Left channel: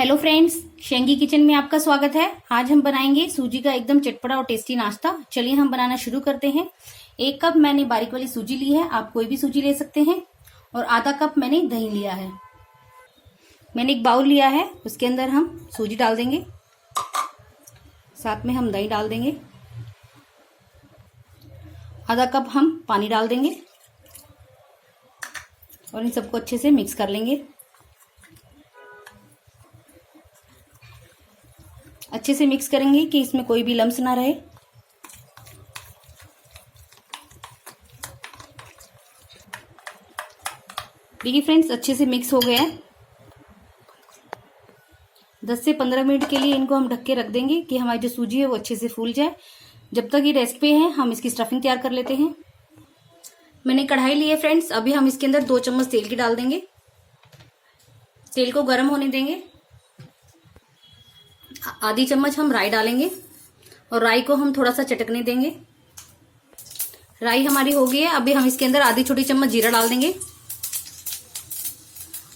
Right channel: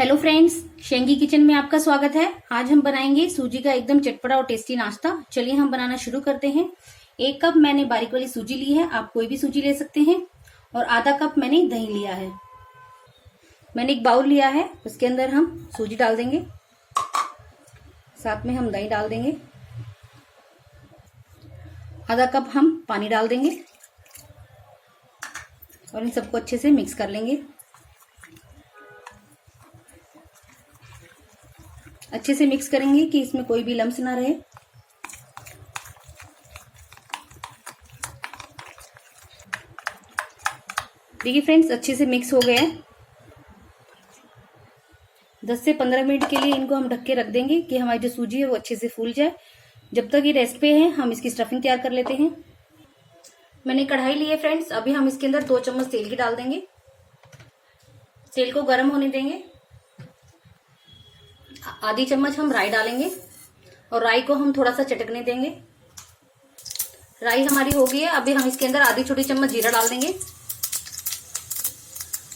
Hello friends, शेंगी kitchen में आपका स्वागत है। आज हम बनाएंगे सूजी का एकदम चटपटा और टेस्टी नाश्ता। चलिए हम बनाना शुरू करते हैं। 1 कप मैंने बारीक वाली सूजी ली है, आप कोई भी सूजी ले सकते हैं। और आधा कप मैंने दही लिया है। मैंने एक बाउल लिया है, उसके अंदर हम सूजी डाल देंगे, साथ में हम दही डाल देंगे। आधा कप हम पानी डाल देंगे और इन सबको अच्छे से मिक्स कर लेंगे। अच्छे से मिक्स करेंगे कि इसमें कोई भी लम्स ना रहे। देखिए फ्रेंड्स, अच्छे से मिक्स हो गया है। 10 से 15 मिनट के लिए इनको हम ढक के रख देंगे कि हमारी जो सूजी है वो अच्छे से फूल जाए। जब तक ये रेस्ट पे है, हम इसकी स्टफिंग तैयार कर लेते हैं। मैंने कढ़ाई ली है फ्रेंड्स, अभी हम इसके अंदर 2 चम्मच तेल की डाल देंगे। तेल को गर्म होने देंगे। आधी चम्मच हम राई डालेंगे और राई को हम थोड़ा सा चटकने देंगे। राई हमारी हो गई है। अभी हम इसके अंदर आधी छोटी चम्मच जीरा डाल देंगे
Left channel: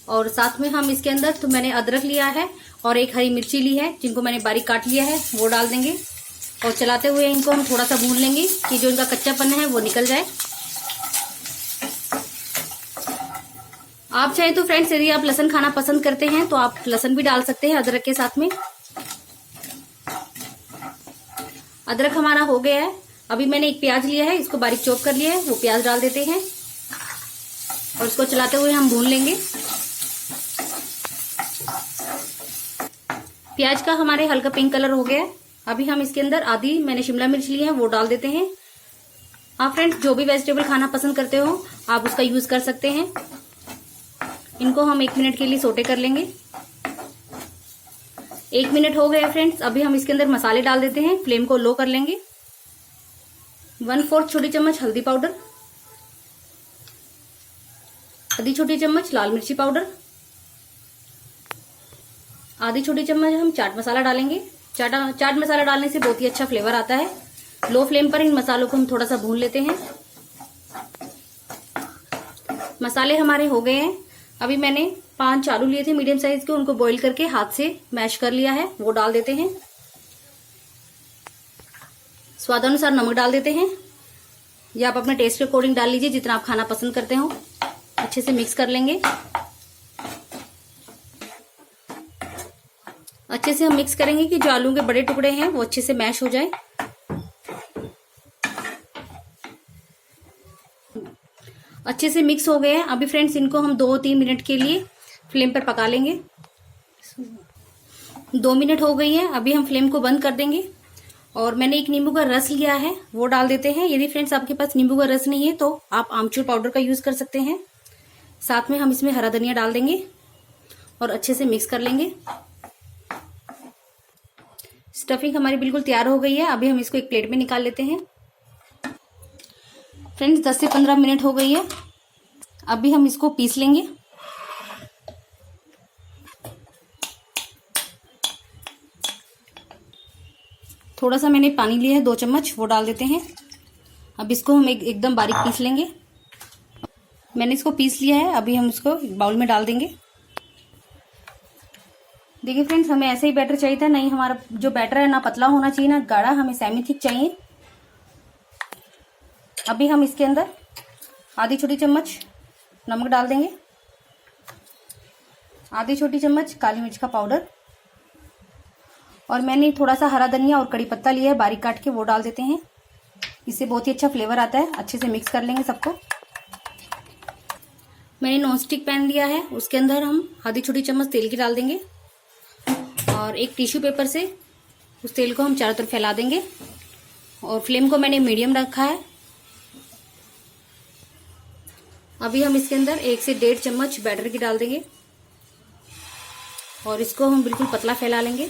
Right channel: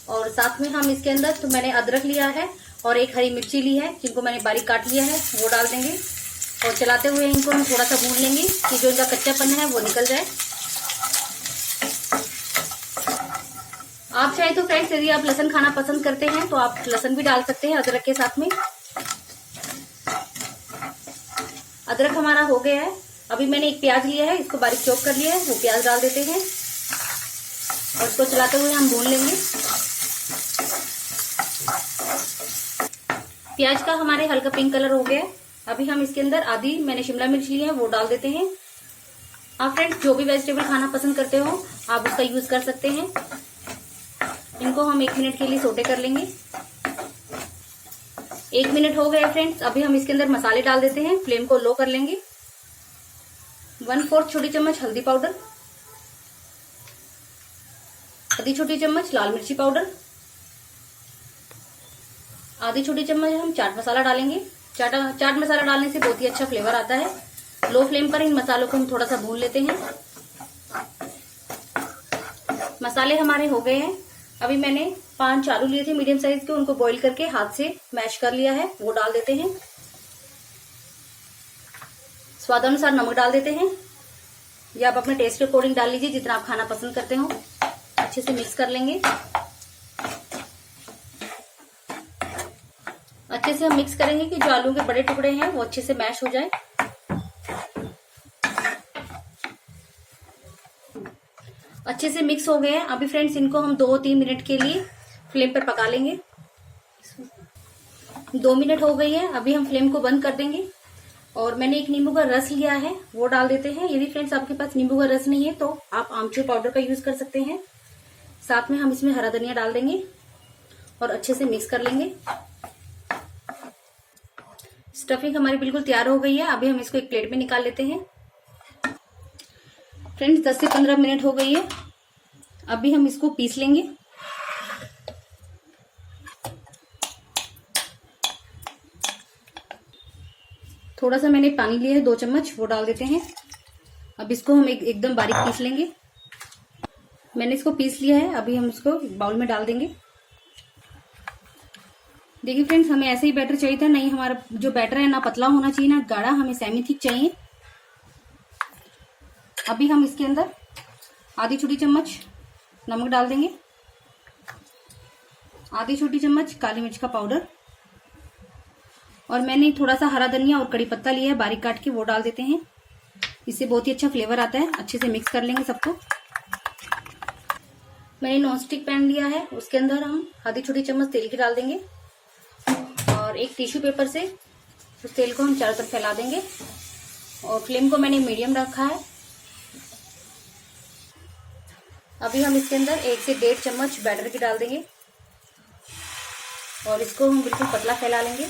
और साथ में हम इसके अंदर तो मैंने अदरक लिया है और एक हरी मिर्ची ली है, जिनको मैंने बारीक काट लिया है, वो डाल देंगे। और चलाते हुए इनको हम थोड़ा सा भून लेंगे कि जो इनका कच्चापन है वो निकल जाए। आप चाहे तो फ्रेंड्स, यदि आप लहसुन खाना पसंद करते हैं तो आप लहसुन भी डाल सकते हैं अदरक के साथ में। अदरक हमारा हो गया है। अभी मैंने एक प्याज लिया है, इसको बारीक चॉप कर लिया है, वो प्याज डाल देते हैं और इसको चलाते हुए हम भून लेंगे। प्याज का हमारे हल्का पिंक कलर हो गया है। अभी हम इसके अंदर आधी मैंने शिमला मिर्च लिया है, वो डाल देते हैं। आप फ्रेंड्स जो भी वेजिटेबल खाना पसंद करते हो आप उसका यूज कर सकते हैं। इनको हम 1 मिनट के लिए सोटे कर लेंगे। 1 मिनट हो गया फ्रेंड्स। अभी हम इसके अंदर मसाले डाल देते हैं। फ्लेम को लो कर लेंगे। 1/4 छोटी चम्मच हल्दी पाउडर, आधी छोटी चम्मच लाल मिर्ची पाउडर, आधी छोटी चम्मच हम चाट मसाला डालेंगे। चाट मसाला डालने से बहुत ही अच्छा फ्लेवर आता है। लो फ्लेम पर इन मसालों को हम थोड़ा सा भून लेते हैं। मसाले हमारे हो गए हैं। अभी मैंने 5 आलू लिए थे मीडियम साइज के, उनको बॉईल करके हाथ से मैश कर लिया है, वो डाल देते हैं। स्वादानुसार नमक डाल देते हैं, या आप अपने टेस्ट के अकॉर्डिंग डाल लीजिए जितना आप खाना पसंद करते हो। अच्छे से मिक्स कर लेंगे। अच्छे से हम मिक्स करेंगे कि जो आलू के बड़े टुकड़े हैं वो अच्छे से मैश हो जाए। अच्छे से मिक्स हो गए हैं। अभी फ्रेंड्स इनको हम 2-3 मिनट के लिए फ्लेम पर पका लेंगे। 2 मिनट हो गई है। अभी हम फ्लेम को बंद कर देंगे और मैंने एक नींबू का रस लिया है, वो डाल देते हैं। यदि फ्रेंड्स आपके पास नींबू का रस नहीं है तो आप आमचूर पाउडर का यूज कर सकते हैं। साथ में हम इसमें हरा धनिया डाल देंगे और अच्छे से मिक्स कर लेंगे। स्टफिंग हमारी बिल्कुल तैयार हो गई है। अभी हम इसको एक प्लेट में निकाल लेते हैं। फ्रेंड्स 10 से 15 मिनट हो गई है। अभी हम इसको पीस लेंगे। थोड़ा सा मैंने पानी लिया है, 2 चम्मच, वो डाल देते हैं। अब इसको हम एकदम बारीक पीस लेंगे। मैंने इसको पीस लिया है। अभी हम इसको बाउल में डाल देंगे। देखिए फ्रेंड्स, हमें ऐसे ही बैटर चाहिए था। नहीं, हमारा जो बैटर है ना पतला होना चाहिए ना गाढ़ा, हमें सेमी थिक चाहिए। अभी हम इसके अंदर आधी छोटी चम्मच नमक डाल देंगे, आधी छोटी चम्मच काली मिर्च का पाउडर, और मैंने थोड़ा सा हरा धनिया और कड़ी पत्ता लिया है बारीक काट के, वो डाल देते हैं। इससे बहुत ही अच्छा फ्लेवर आता है। अच्छे से मिक्स कर लेंगे सबको। मैंने नॉन स्टिक पैन लिया है, उसके अंदर हम आधी छोटी चम्मच तेल की डाल देंगे और एक टिश्यू पेपर से उस तेल को हम चारों तरफ फैला देंगे। और फ्लेम को मैंने मीडियम रखा है। अभी हम इसके अंदर 1 से 1.5 चम्मच बैटर की डाल देंगे और इसको हम बिल्कुल पतला फैला लेंगे।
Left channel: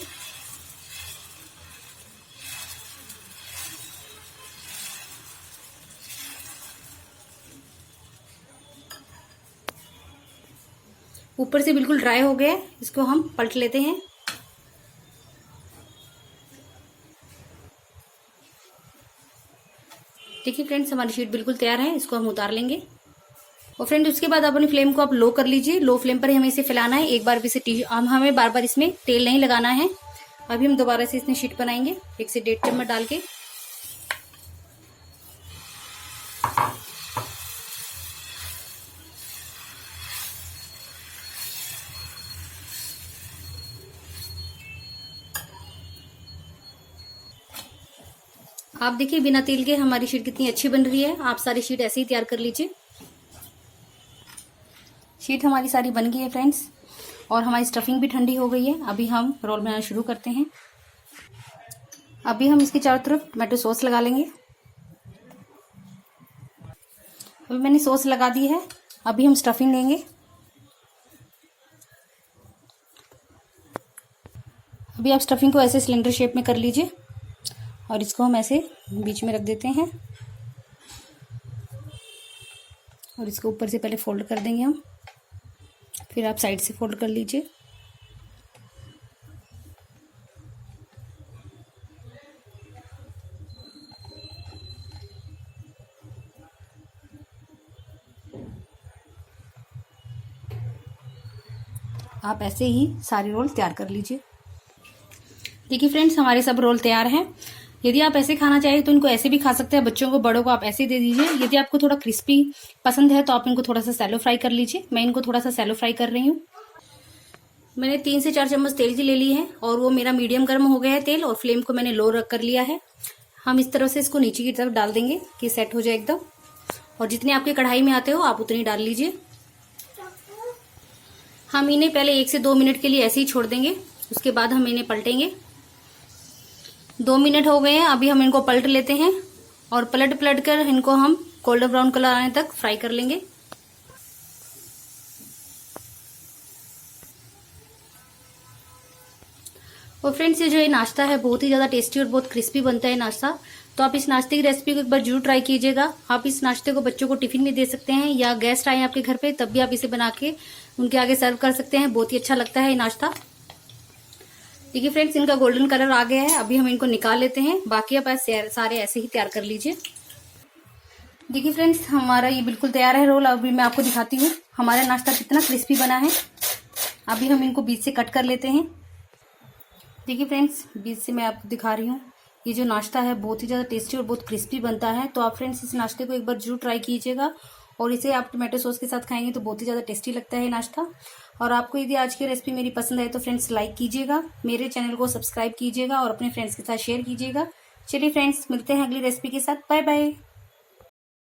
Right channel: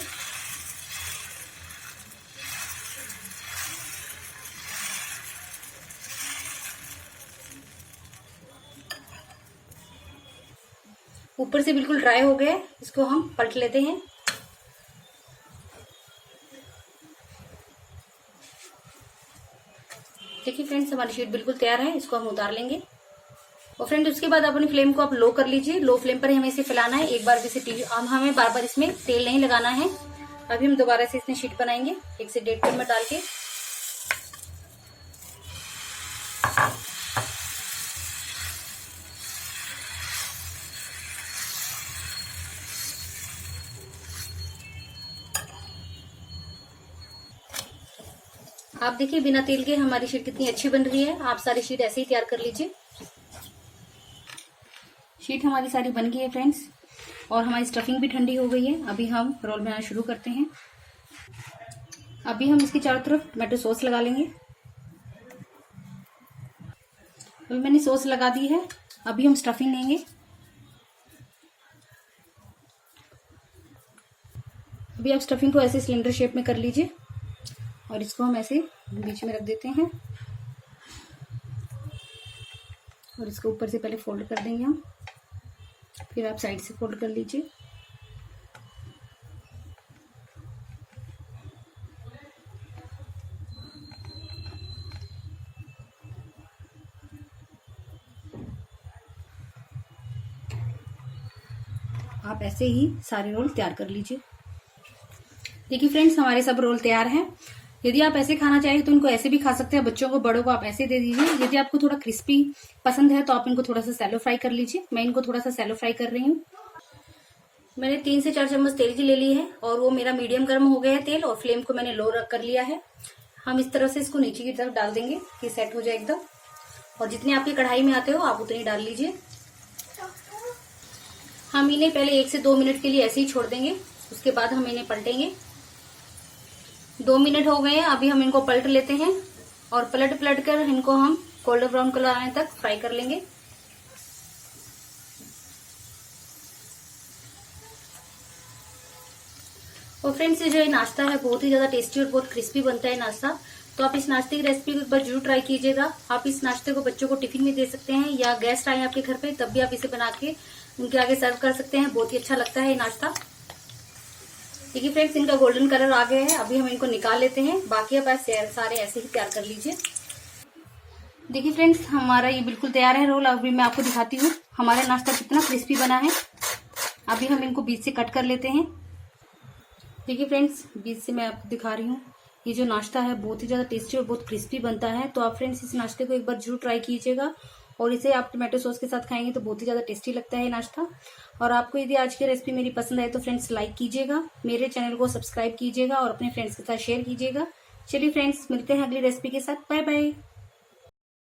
ऊपर से बिल्कुल ड्राई हो गया, इसको हम पलट लेते हैं। देखिए फ्रेंड्स, हमारी शीट बिल्कुल तैयार है। इसको हम उतार लेंगे। और फ्रेंड उसके बाद अपनी फ्लेम को आप लो कर लीजिए। लो फ्लेम पर ही हमें इसे फैलाना है। एक बार भी इसे हमें बार बार इसमें तेल नहीं लगाना है। अभी हम दोबारा से इसमें शीट बनाएंगे 1 से 1.5 चम्मच डाल के। आप देखिए बिना तेल के हमारी शीट कितनी अच्छी बन रही है। आप सारी शीट ऐसे ही तैयार कर लीजिए। शीट हमारी सारी बन गई है फ्रेंड्स, और हमारी स्टफिंग भी ठंडी हो गई है। अभी हम रोल बनाना शुरू करते हैं। अभी हम इसके चारों तरफ टमाटो सॉस लगा लेंगे। अभी मैंने सॉस लगा दी है। अभी हम स्टफिंग लेंगे। अभी आप स्टफिंग को ऐसे सिलेंडर शेप में कर लीजिए और इसको हम ऐसे बीच में रख देते हैं और इसको ऊपर से पहले फोल्ड कर देंगे हम, फिर आप साइड से फोल्ड कर लीजिए। आप ऐसे ही सारे रोल तैयार कर लीजिए। देखिए फ्रेंड्स हमारे सब रोल तैयार हैं। यदि आप ऐसे खाना चाहें तो इनको ऐसे भी खा सकते हैं। बच्चों को, बड़ों को आप ऐसे दे दीजिए। यदि आपको थोड़ा क्रिस्पी पसंद है तो आप इनको थोड़ा सा सैलो फ्राई कर लीजिए। मैं इनको थोड़ा सा सैलो फ्राई कर रही हूँ। मैंने 3 से 4 चम्मच तेल की ले ली है और वो मेरा मीडियम गर्म हो गया है तेल, और फ्लेम को मैंने लो रख कर लिया है। हम इस तरह से इसको नीचे की तरफ डाल देंगे कि सेट हो जाए एकदम, और जितने आपके कढ़ाई में आते हो आप उतनी डाल लीजिए। हम इन्हें पहले 1 से 2 मिनट के लिए ऐसे ही छोड़ देंगे, उसके बाद हम इन्हें पलटेंगे। 2 मिनट हो गए हैं। अभी हम इनको पलट लेते हैं और पलट पलट कर इनको हम गोल्डन ब्राउन कलर आने तक फ्राई कर लेंगे। और फ्रेंड्स ये जो ये नाश्ता है बहुत ही ज्यादा टेस्टी और बहुत क्रिस्पी बनता है नाश्ता। तो आप इस नाश्ते की रेसिपी को एक बार जरूर ट्राई कीजिएगा। आप इस नाश्ते को बच्चों को टिफिन में दे सकते हैं, या गेस्ट आए आपके घर पे तब भी आप इसे बना के उनके आगे सर्व कर सकते हैं। बहुत ही अच्छा लगता है ये नाश्ता। देखिए फ्रेंड्स इनका गोल्डन कलर आ गया है। अभी हम इनको निकाल लेते हैं। बाकी आप सारे ऐसे ही तैयार कर लीजिए। देखिए फ्रेंड्स हमारा ये बिल्कुल तैयार है रोल। अभी मैं आपको दिखाती हूँ हमारा नाश्ता कितना क्रिस्पी बना है। अभी हम इनको बीच से कट कर लेते हैं। देखिए फ्रेंड्स बीच से मैं आपको दिखा रही हूँ। ये जो नाश्ता है बहुत ही ज़्यादा टेस्टी और बहुत क्रिस्पी बनता है। तो आप फ्रेंड्स इस नाश्ते को एक बार जरूर ट्राई कीजिएगा, और इसे आप टमाटो सॉस के साथ खाएंगे तो बहुत ही ज़्यादा टेस्टी लगता है नाश्ता। और आपको यदि आज की रेसिपी मेरी पसंद आए तो फ्रेंड्स लाइक कीजिएगा, मेरे चैनल को सब्सक्राइब कीजिएगा और अपने फ्रेंड्स के साथ शेयर कीजिएगा। चलिए फ्रेंड्स मिलते हैं अगली रेसिपी के साथ। Bye bye.